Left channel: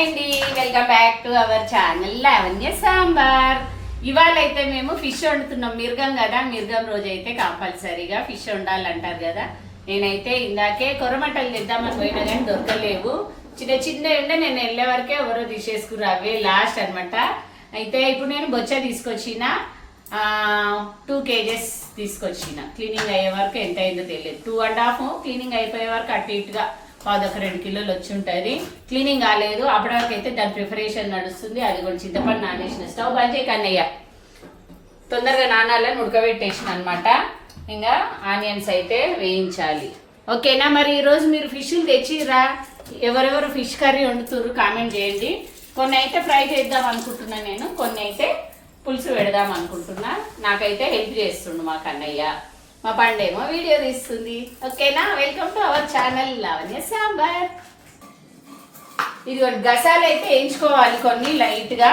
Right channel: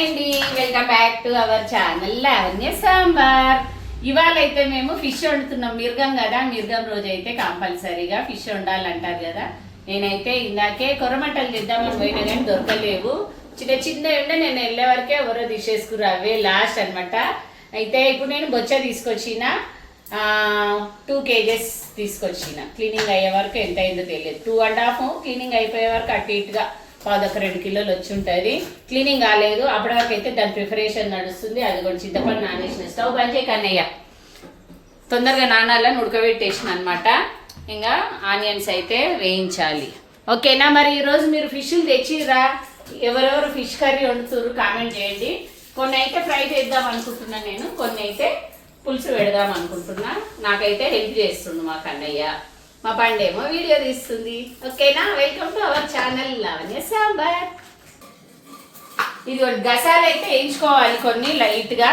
అండి. Welcome back to our channel Lavanya Sambar ఇవాళ అయితే మేము ఫిష్ వండుతున్నాం. మిర్గం కదా మిర్గం రోజు అయితే కంపల్సరీగా ఫిష్ వండాలంటారు కదా. నేనైతే ఇందాకే కొరమటలు చేద్దామని పోయినా కానీ దొరకలేవు. చిన్న చిన్న ఉండే నేను వెళ్ళే వరకే ఎవరో తీసేసుకురు అవే లాస్ట్ అనమాట అయితే ఇప్పుడు నేను బొచ్చ తీసుకొచ్చిన టూ కేజెస్ తీసుకొచ్చిన. క్లీనింగ్ అయ్యే వరకు ఎంత అయిందో తెలియదు. టూ అండ్ హాఫ్ క్లీనింగ్ అయిపోయే వరకు అటు ఇటుగా పాదొక రెండు కిలోలు వచ్చి ఉంటుంది. క్లీనింగ్ కాలేదు. అప్పటి వరకు అయితే దాని ప్రిపరేషన్ నడుస్తుంది. అది కూడా చింతపండు నానేసిన. స్టవ్ బంద్ చేయి కన్నయ్య. తొందరగా నానాలని ఉడకబెట్టేసిన అనమాట ఇంకా ఆనియన్స్ అయితే వేయించాలి. ఓకేనా? మరి ఈరోజు మీరు ఫిష్లు తెచ్చిరా ఎవరెవరు ఫిష్ కర్రీ వండుతున్నారు కామెంట్ చేయండి. కొన్ని అయితే ఫ్రై చేద్దాం అనుకుంటున్నా నేను. కొన్ని అయితే పులుసు పెడదాం అనుకుంటున్నా. నాకైతే హెల్ప్ చేస్తుండు మా కన్నయ్య. మా బండేమో వీడియో తీస్తుంది. ఓకేనా? Welcome to our channel Lavanya Sambar ఇది గసాలు అయితే వేయించుకోవాలి కొన్ని లైట్గా.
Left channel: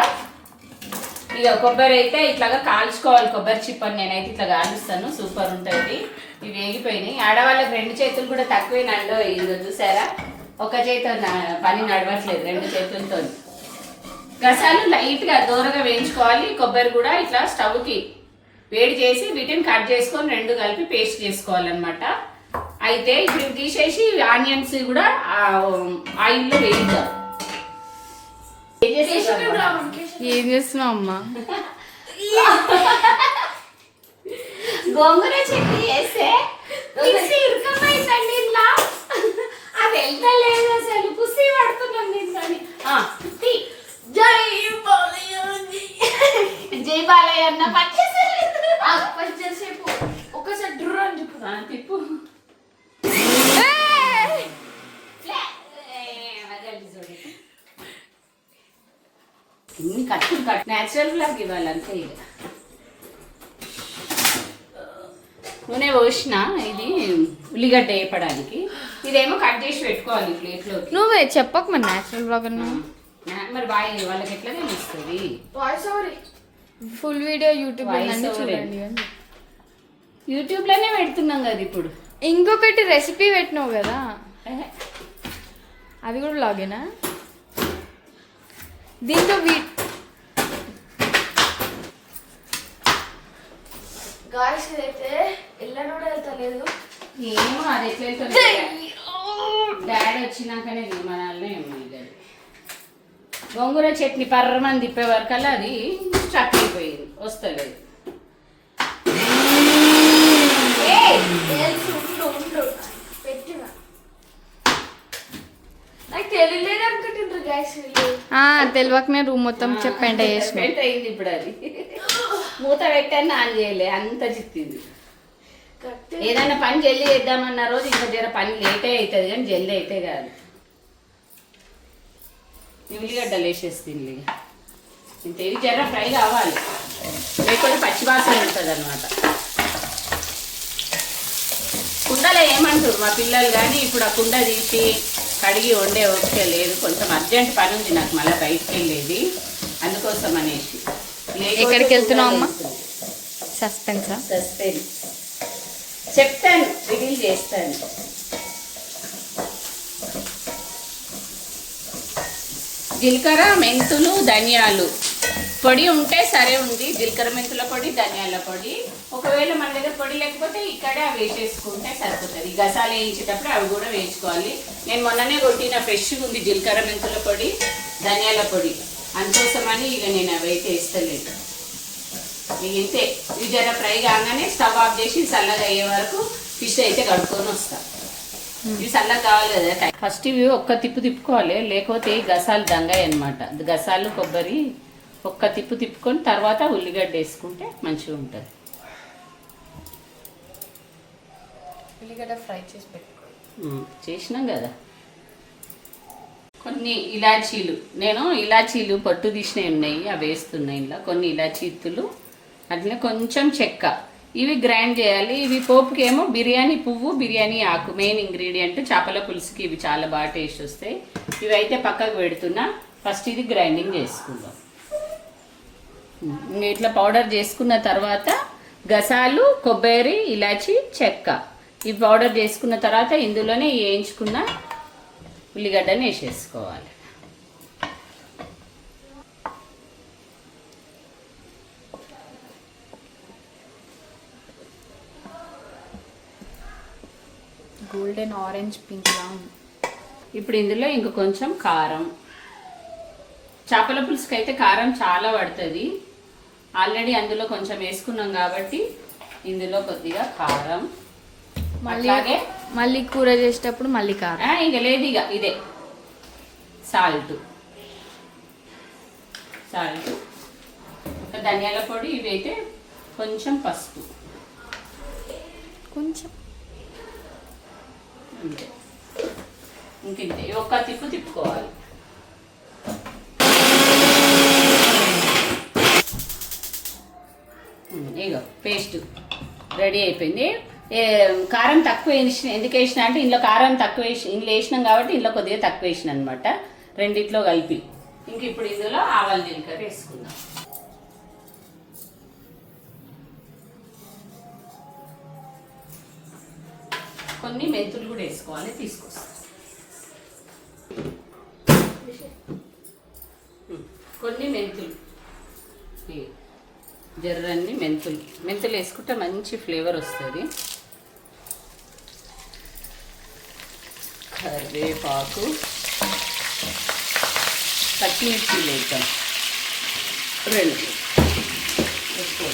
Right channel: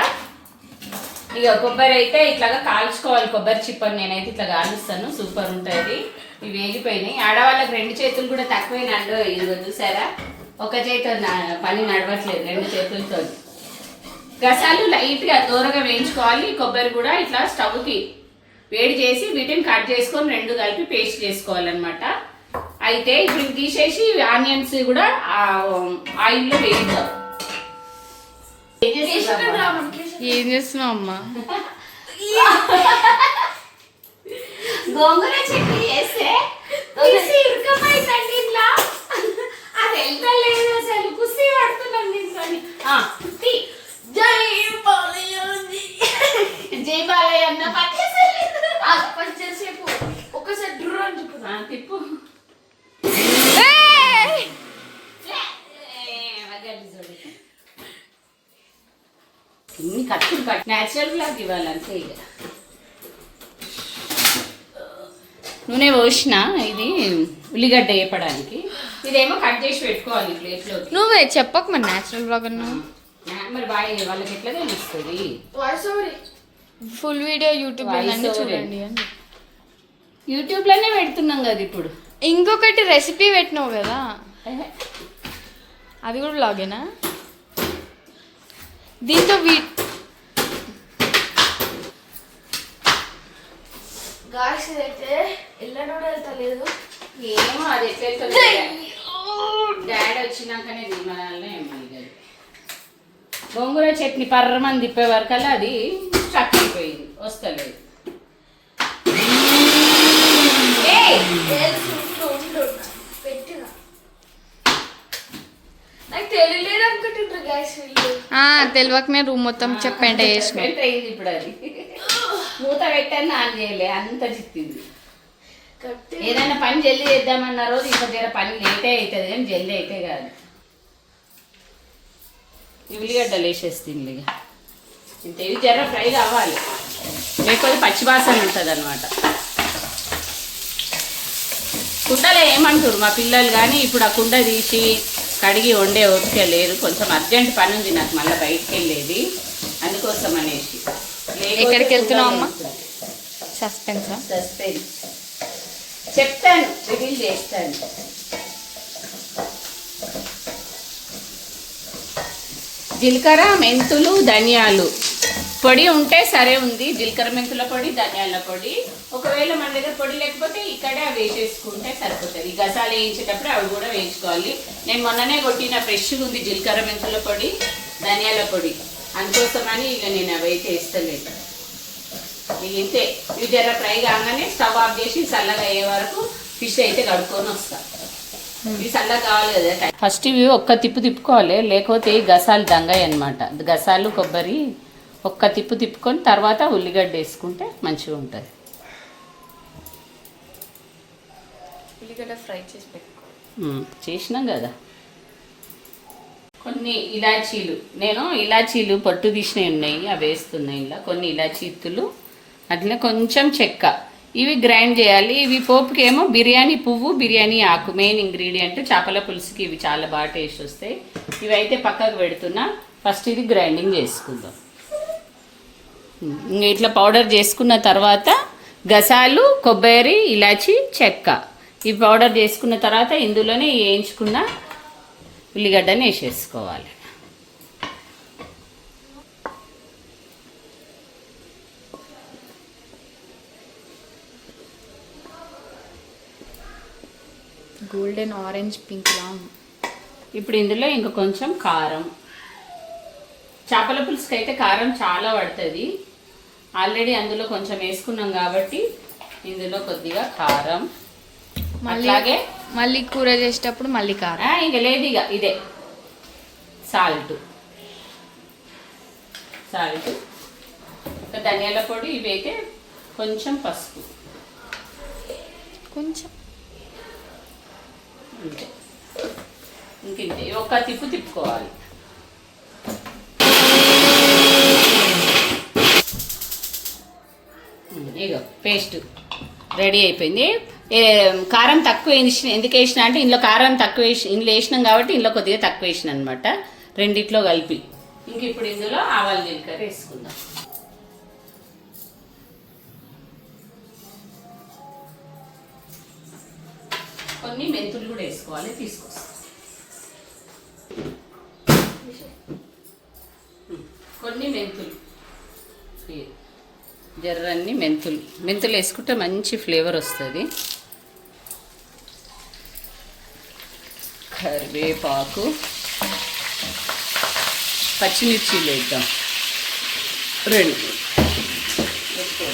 ఇక కొబ్బరి అయితే ఇట్లాగా కాల్చుకోవాలి కొబ్బరి చిప్పని నేనైతే ఇట్లా కాలుస్తాను. సూపర్ ఉంటుంది. ఇవి వేగిపోయినాయి. ఆడవాళ్ళకి రెండు చేతులు కూడా తక్కువేనండో ఇదిగో చూసారా? ఒక చేతి పని నడవట్లేదు రెండు చేతులతో గసాలు లైట్గా దూరంగా వేయించుకోవాలి. కొబ్బరి కూడా ఇట్లా స్టవ్కి వేడి చేసి వీటిని కట్ చేసుకొని రెండు కలిపి పేస్ట్ చేసుకోవాలన్నమాట. అయితే ఇప్పుడు తీసేసి ఆనియన్స్ కూడా ఆయిల్లో వేయిద్దాం ఏం చేస్తున్నావు అబ్బా? ఏం చేస్తున్నావు అమ్మా? గోంగూర చట్నీ చేస్తే కుసి ఇరుకపోయిందండి ఇంట్లో అది వెళ్తలేదు అసలు కుసి పడుతున్నాను దీంట్లోని తీ. జై బాలయ్య జై బాలయ్య అన్న పనిచేసేలేదు కొంచెంసేపు ఒకసారి డ్రూ అని చెప్పు ఆ, తిప్పు లే. ఏ, అవగలి చూడు. ఇన్ని కట్టులు కట్ న్యాచురల్ ఫ్లాగ్ ఇవ్వాలి అంతే ఇక. నూనె పోసిన ఇది ఉల్లిగడ్డ వేపడానికి ఇదేమో కట్ చేసి పెట్టుకోవాలి ప్లేట్లో నువ్వే చెప్పకు మరి న్యాచురల్ బ్లాగర్ నువ్వు. మరి బాగా వాళ్ళకి ఎట్లా తెలుస్తుంది? Full video YouTube over. చూడండి అని యూట్యూబ్లోనే పెడుతున్నాం కదా ఇప్పుడు. ఇంకొకటి రెసిపీ పెట్టినావు కదా. అది కూడా బ్లాగేనా దీంతో వీ గాయస్ అయితే ఎల్లనో వెళ్తలేదు. ఏమో అది ఎట్లా డాడీ వచ్చినాకనే విమానాలనే ఏమీ గోంగూర చట్నీ పర్రమని తిప్పే వరకల్లా అది స్టక్ అయిపోయింది. వస్తలేదు ఏయ్! తెలుసు ఉండు ఉండు పెట్టిన నాకు తెలియలేదు అనుకుంటుండ్రు గాయస్ వీళ్ళు తెలియకనే రూమ్ మొత్తం చెప్పండి చేసిన. ఇప్పుడు అది. మూత పెట్టాను ఆన్ చేయలే అంత చిక్కింది. ఏదైనా పని జల్దీ చేద్దామన్న రోజు ఇంకా జర పని లేటే అవుతుంది కానీ జల్దీ అయితే కాదు. ఉల్లిగడ్డలు వేసేస్తుంది ఇక ఇంత ఇవి జర ఫ్రై కావాలి. లేకపోతే పచ్చి వాసన ఉంటుంది అనమాట కుండలో ఏమంటారు మా పిల్లలు కానీ ఇప్పుడు ఆ కుండ తీసి కడిగి వండే ఓపిక లేదు. కొంచెం అర్జెంట్ పని ఉంది నాకు మళ్ళీ బయటికి వెళ్ళేది. అందుకోసం అనేసి. ఎక్కడికి వెళ్తున్నావు అమ్మ? సస్పెన్సా? సస్పెన్స్. చెప్తాను. రివీల్ చేస్తాను. జీలకర్ర మెంతులు ధనియాలు. పొడి ఉంటే సరే ఉంది. జీలకర్ర మెంతుల పొడి ధనియాల పొడి. ఒకవేళ మన దగ్గర పొడి లేకపోతే ఇక్కడే అవి వేసేసుకుంటే సరిపోతుంది. ఈ గసాలు వేయించేటప్పుడు అవి కూడా వేయించుకోవాలి. నేను మొన్ననే కొట్టిన ఫ్రెష్గా ఉంది జీలకర్ర మెంతుల పొడి ధనియాల పొడి. అందుకోసమని ఇక నేను అవి అయితే వేస్తలేదు. ఇక ఇంతే. ఇవి జర ఫ్రై కాగానే స్టవ్ ఆఫ్ చేసి చల్లగా అయ్యే వరకు ఫిష్ అయితే కడుక్కొని వస్తా. ఇవి చల్లగా కావాలి కదా ఫస్ట్ ఇవి ఒక్క తిప్పు తిప్పుకోవాలి. లేకపోతే గసాలు దంగాయి అనమాట గసాలు కొబ్బరి ఒక్క తిప్పు తిప్పుకొని తర్వాత ఉల్లిగడ్డ వేసుకుంటే మంచిగా ఉంటుంది. ఉల్లిగడ్డ ఫ్రై చేసి పెట్టుకో. ఉమ్, చేసినాం కదా. కొన్ని ఇలాచీలు. నేను ఇలాచీలు పట్టు తీసినవి ఉన్నాయి అవి వేస్తున్నాయి ఇలా కొన్ని ఇలాచీ ఇత్తులు అట్లనే కొంచెం చెక్క. ఇవి గ్రైండ్ చేయాలి. ఇవి పోపుకి ఏమో బిర్యానీ పువ్వు బిర్యానీ ఆకు. మెయిన్ ఇంగ్రీడియంట్ చేపల పులుసుకి ఇవి చాలా బాగా టేస్ట్ వస్తాయి. ఇవి అయితే పక్కకు పెడుతున్నా. ఫస్ట్ ఇది గ్రైండింగ్ చేసుకుందాం. ఇట్లా పౌడర్ చేసుకున్న తర్వాత గసాలు కొబ్బరి ఇలాచి చెక్క. ఈ పౌడర్ చేసుకున్న తర్వాత ఇందులోనే వేయించుకున్న ఉల్లిగడ్డని వేసేసుకోవాలి. గోల్డెన్ ఆరెంజ్ పింక్ లా ఉంది. ఇప్పుడు ఇందులో ఇంక కొంచెం కారం. చేపల పులుసుకి అయితే కారం చాలా పడుతుంది. ఆల్రెడీ అందులో కొంచెం వేసుకున్నాం కాబట్టి ఇందులో కొద్దిగా కారం. మళ్ళీ మళ్ళీ కూర చేసేటప్పుడు మళ్ళీ కారం. ఇంక లేదు ఇక ఇదే. సాల్ట్. సాల్ట్. ఇంకా ధనియాల పొడి ఇవి అయితే కొంచెం పసుపు. కొంచెం. అంతే. ఇంక ఇంతే. ఒక తిప్పు తిప్పుకోవాలి. ఇగో పేస్ట్ రెడీ అయిపోయింది. కారం తక్కువ వేసిన ఎందుకు వేసిన అంటే ఇందులో కారం తక్కువ వేసి ఇందులో వేసినాం కాబట్టి ఇందులో కొద్దిగా తక్కువ వేసిన అనమాట రెండిట్లో కలిపి. ఇంక ఇప్పుడు ఇందులో ఆవాల జీలకర్ర వేసుకుందాం. కొన్ని మెంతులు కూడా వేసుకోవాలి తీసుకొస్తాం. కొన్ని మెంతులు. జర్రన్ని మెంతులు. మెంతులు వేసుకుంటే మంచి ఫ్లేవర్ వస్తుంది. కరివేపాకు పచ్చిమిర్చి వేద్దాం. రెండు. ఎక్కువ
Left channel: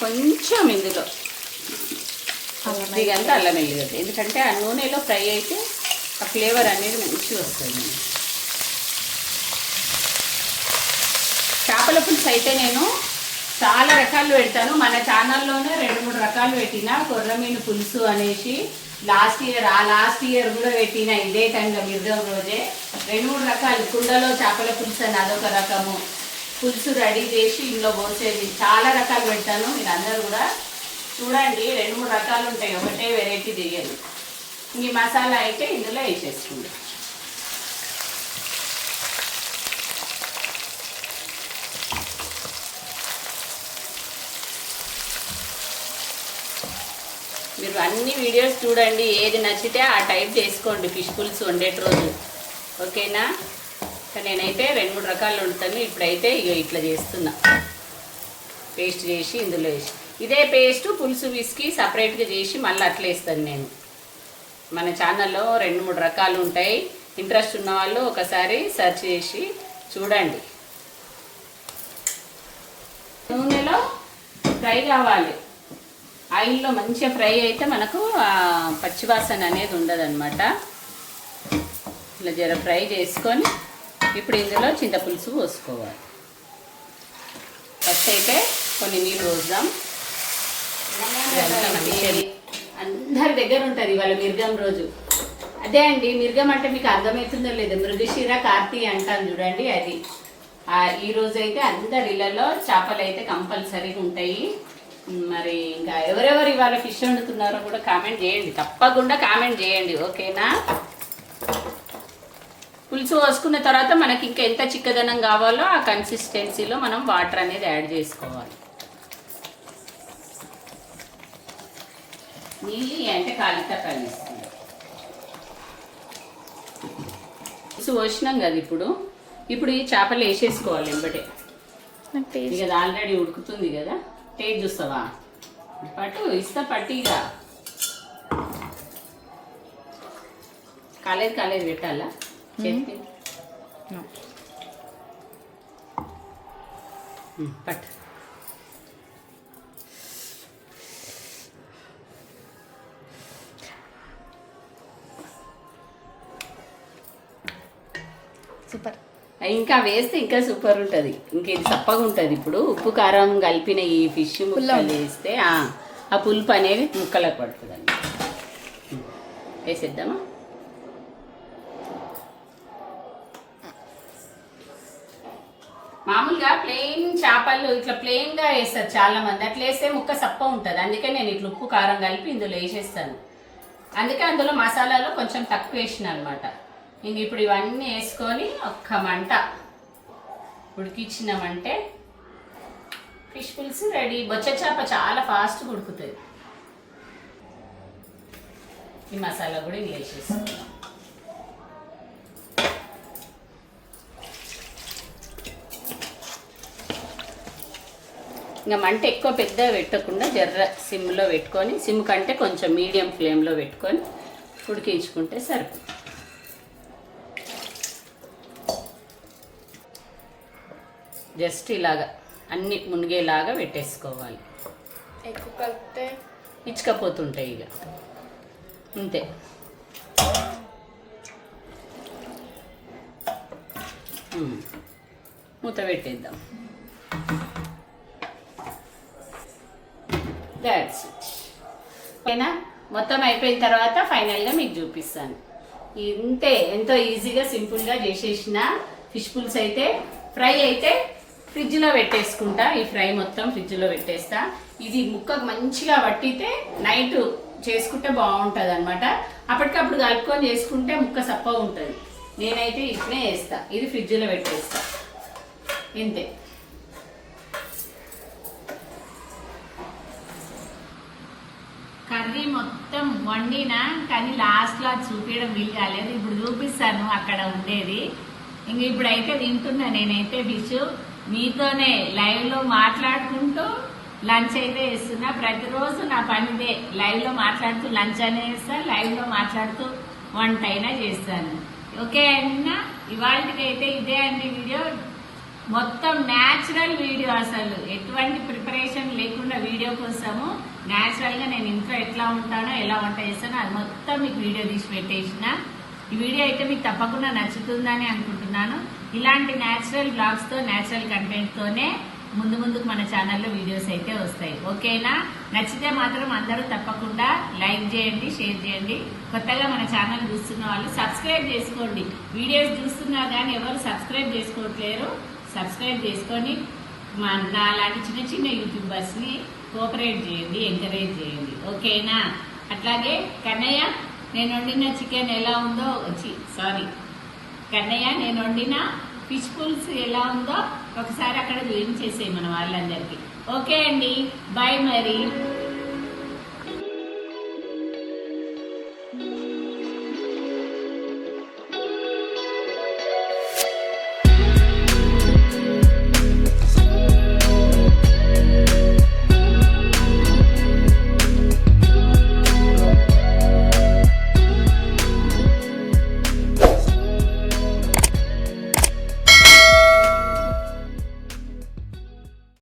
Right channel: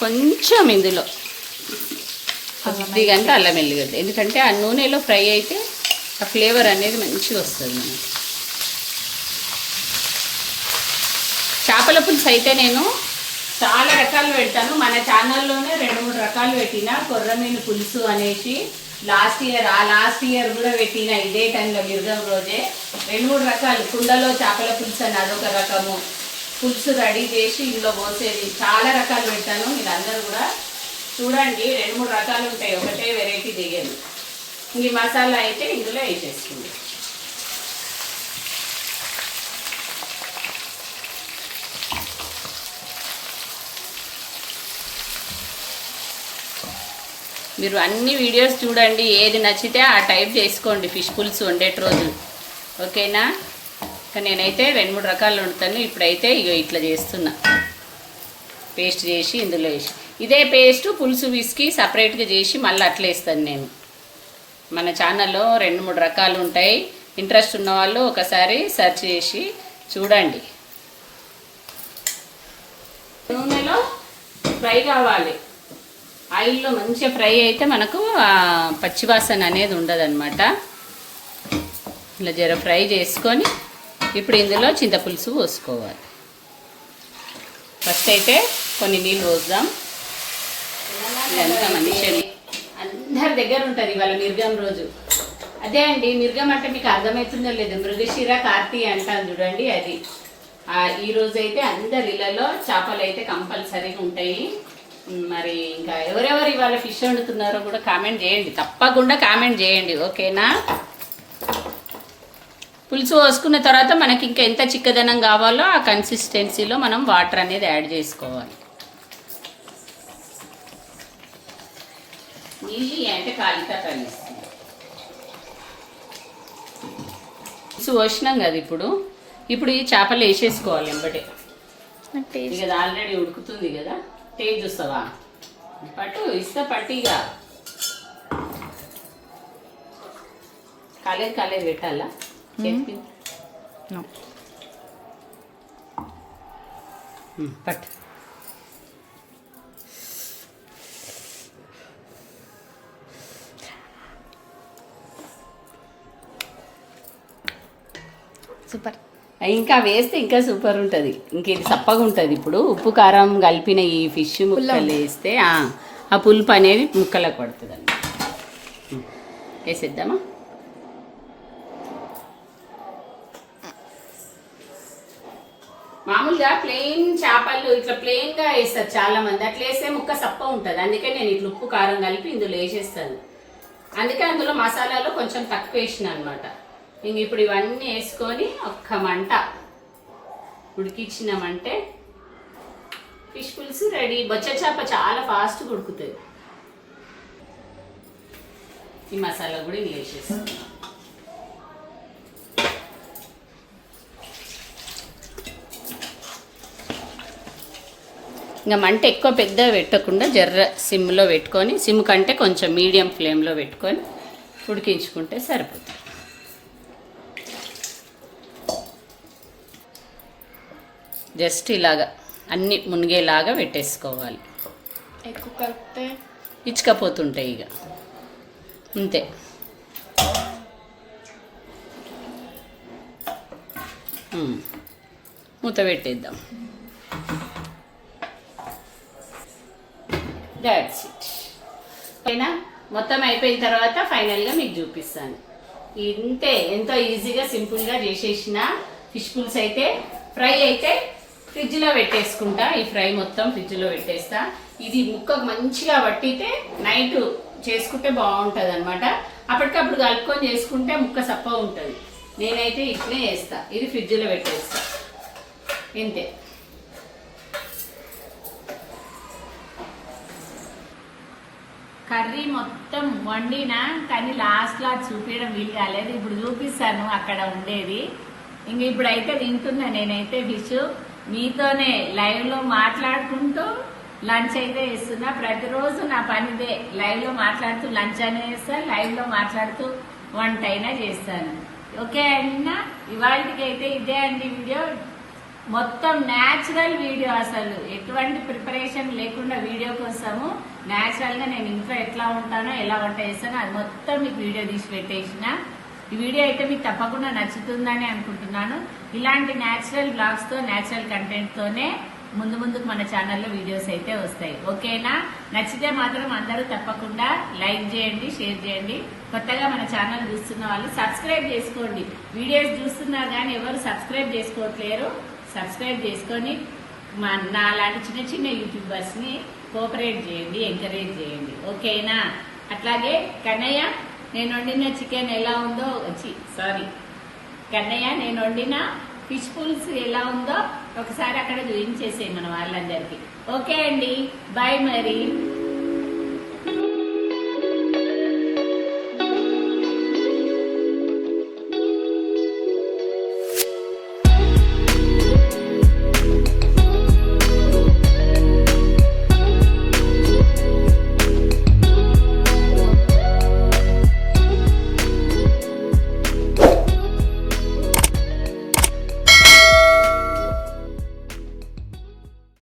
కొంచెం ఇందులో. అల్లం కొద్దిగంటే అల్లం వెల్లిగడ్డ. ఎందుకంటే ఆ నూనెలో ఫ్రై అయితే ఆ ఫ్లేవర్ అనేది మంచిగా వస్తుంది. చేపల పులుసు అయితే నేను చాలా రకాలు పెడతాను. మన ఛానల్లోనే రెండు మూడు రకాలు పెట్టిన. కొర్రమీను పులుసు అనేసి లాస్ట్ ఇయర్ ఆ లాస్ట్ ఇయర్ కూడా పెట్టిన. ఇదే టైంలో మిరుగం రోజే. రెండు మూడు రకాలు. కుండలో చేపల పులుసు అని అదొక రకము. పులుసు రెడీ చేసి ఇందులో పోసేది. చాలా రకాలు పెడతాను. మీరు అందరూ కూడా చూడండి. రెండు మూడు రకాలు ఉంటాయి. ఒకటే వెరైటీ దిగాను ఈ మసాలా అయితే ఇందులో వేసేసుకుంది. మీరు అన్ని వీడియోస్ చూడండి ఏది నచ్చితే ఆ టైప్ చేసుకోండి ఫిష్ పులుసు వండేటి రోజు. ఓకేనా? నేనైతే రెండు మూడు రకాలు వండుతాను. ఇప్పుడైతే ఇగో ఇట్లా చేస్తున్నా. పేస్ట్ చేసి ఇందులో వేసి. ఇదే పేస్ట్ పులుసు విసికి సపరేట్గా చేసి మళ్ళీ అట్లా వేస్తాను నేను. మన ఛానల్లో రెండు మూడు రకాలు ఉంటాయి. ఇంట్రెస్ట్ ఉన్నవాళ్ళు ఒకసారి సెర్చ్ చేసి చూడండి. నూనెలో ఫ్రై కావాలి. ఆయిల్లో మంచిగా ఫ్రై అయితే మనకు పచ్చివాసన అనేది ఉండదన్నమాట. ఇలా జర ఫ్రై చేసుకొని ఇప్పుడు ఇందులో చింతపులుసు పోసుకోవాలి. ఫస్ట్ అయితే కొన్ని నీళ్ళు పోద్దాం. ఇదంతా మంచిగా అందరి దగ్గర ఉంటుంది ఇవాళ మిర్గం రోజు. అదే అండి మిర్గం అంటే మీకు అర్థమవుతుందో లేదు. మృగశిర కార్తీ అంటాను చూడండి అది. ఈ రోజు అయితే అందరి ఇళ్ళలో చేపలు అయితే కంపల్సరీగా ఉంటాయి. మరి ఇంకా ఎవరెవరు ఇవాళ ఫిష్ వండుతున్నారో కూడా కామెంట్ చేయండి. తప్పకుండా కామెంట్ చేయండి ఓకేనా? పులుసు పోసుకున్న తర్వాత మనకి ఇంకా ఎంత చిక్కదనం కావాలో ఆ కన్సిస్టెన్సీలో మనం వాటర్ అనేది యాడ్ చేసుకోవాలి. నీళ్ళు అంటే కాలితా కలిస్తుంది పులుసు పోసినాం కదా ఇప్పుడు? ఇప్పుడు ఈ చేపలు వేసేసుకోవాలి ఎంబటే. ఇక ఆల్రెడీ ఉడుకుతుంది కదా టేస్ట్ చూస్తావా? పట్టు ఇస్తా పట్టిగా కాలేదు కాలేదు పెట్టాలా? పట్టు. సూపర్. ఇంకా వేస్తే ఇంకా సూపర్ ఉంటుంది. ఇంక ఇది చప్పగా ఉంటుంది ఇప్పుడు. ఉప్పు కారం కలిపిన ఈ ఫిష్ ముక్కలు వేస్తే ఆ, పులుపు అనేది ముక్కలకు పడుతుంది అండి వేసేద్దామా? మామూలుగా ప్లెయిన్ చేపలు ఇట్లా ప్లెయిన్గా వేస్తారు చాలా మంది అట్లా వేస్తే ముక్క సప్ప ఉంటుంది. అందుకే నేను ఇట్లా ఉప్పు కారం కలిపి ఇందులో వేసేస్తాను. అందుకే అందులో మసాలాలో కొంచెం తక్కువ వేసిన అనమాట ఇంక ఇప్పుడు ఇవన్నీ వేసుకొని ఒక్క మంట ఉడికిచ్చినామంటే ఫిష్ పులుసు రెడీ. బొచ్చ చేప చాలా ఫాస్ట్గా ఉడుకుతుంది ఈ మసాలా కూడా ఇంక వేసేసుకుందాం. ఇంకా మంట ఎక్కువ పెద్ద పెట్టకుండా జర్ర సిమ్లో పెట్టుకొని సిమ్ కంటే కొంచెం మీడియం ఫ్లేమ్లో పెట్టుకొని ఉడికించుకుంటే సరిపోతుంది. జస్ట్ ఇలాగా అన్ని మునిగేలాగా పెట్టేసుకోవాలి. ఎక్కువ కలిపితే? ఇచ్చుకపోతుంటాయి ఇక. అంతే. మూత పెట్టేద్దాం. దాట్స్ ఇట్ ఓకేనా? మొత్తం అయిపోయిన తర్వాత ఫైనల్గా మీకు చూపిస్తాను. ఇంతే. ఎంతో ఈజీగా సింపుల్గా చేసేసిన ఫిష్ పుల్స్ అయితే ఫ్రై అయితే ఫ్రిడ్జ్లో పెట్టేసుకుంటా ఈ ఫ్రై మొత్తం ఫ్రిడ్జ్లో పెట్టేస్తా. ఇది ముక్కకు మంచిగా పట్టితే నైట్ చేసుకుంటే బాగుంటుంది అనమాట అప్పటికప్పుడు కలుపుకొని చేసుకుంటే ముక్క సప్ప ఉంటుంది. నేనైతే ఇట్లే వేస్తా ఇది ఫ్రిడ్జ్లో పెట్టేస్తా. ఇంతే. కర్రీ మొత్తం వండినా కానీ లాస్ట్లో అది చూపించడం వీలు కాలేదు ఇప్పుడు చూపిస్తాను అక్కడ ఉండేది. ఇంక ఇప్పుడైతే తింటున్నా నేనైతే ఫిష్ మీతోనే లైవ్లో మాట్లాడుకుంటూ లంచ్ అయితే వేస్తున్నా ప్రతిరోజు నా పనిదే లైవ్లో మాట్లాడుతూ లంచ్ అనే చేస్తా లైవ్లో మాట్లాడుతూ వంట అయినా చేస్తాను. ఓకే అన్నా? ఇవాళకైతే ఇదే అండి వీడియో. మొత్తం న్యాచురల్ వీడియో అసలు. ఎటువంటి ప్రిపరేషన్ లేకుండా వీడియో కోసము న్యాచురల్గా నేను ఇంట్లో ఎట్లా ఉంటానో ఎలా వంట చేస్తానో అది మొత్తం మీకు వీడియో తీసి పెట్టేసిన. ఈ వీడియో అయితే మీకు తప్పకుండా నచ్చుతుందని అనుకుంటున్నాను. ఇలాంటి న్యాచురల్ బ్లాగ్స్తో న్యాచురల్ కంటెంట్ తోనే ముందు ముందుకు మన ఛానల్లో వీడియోస్ అయితే వస్తాయి. ఓకేనా? నచ్చితే మాత్రం అందరూ తప్పకుండా లైక్ చేయండి షేర్ చేయండి. కొత్తగా మన ఛానల్ చూస్తున్న వాళ్ళు సబ్స్క్రైబ్ చేసుకోండి. వీడియోస్ చూస్తున్నారు కానీ ఎవరు సబ్స్క్రైబ్ చేసుకోవట్లేరు సబ్స్క్రైబ్ చేసుకొని మా నా లాంటి చిన్న చిన్న యూట్యూబర్స్ని కోఆపరేట్ చేయండి ఎంకరేజ్ చేయండి. ఓకేనా? అట్లాగే కన్నయ్య నేను వండిన చికెన్ ఎలా ఉందో వచ్చి సారీ కన్నయ్య నేను వండిన ఫిష్ పుల్స్ ఎలా ఉందో ఒకసారి అక్కడ చూపించేసేయి మన వాళ్ళందరికీ. ఓకే అండి బాయ్ మరి.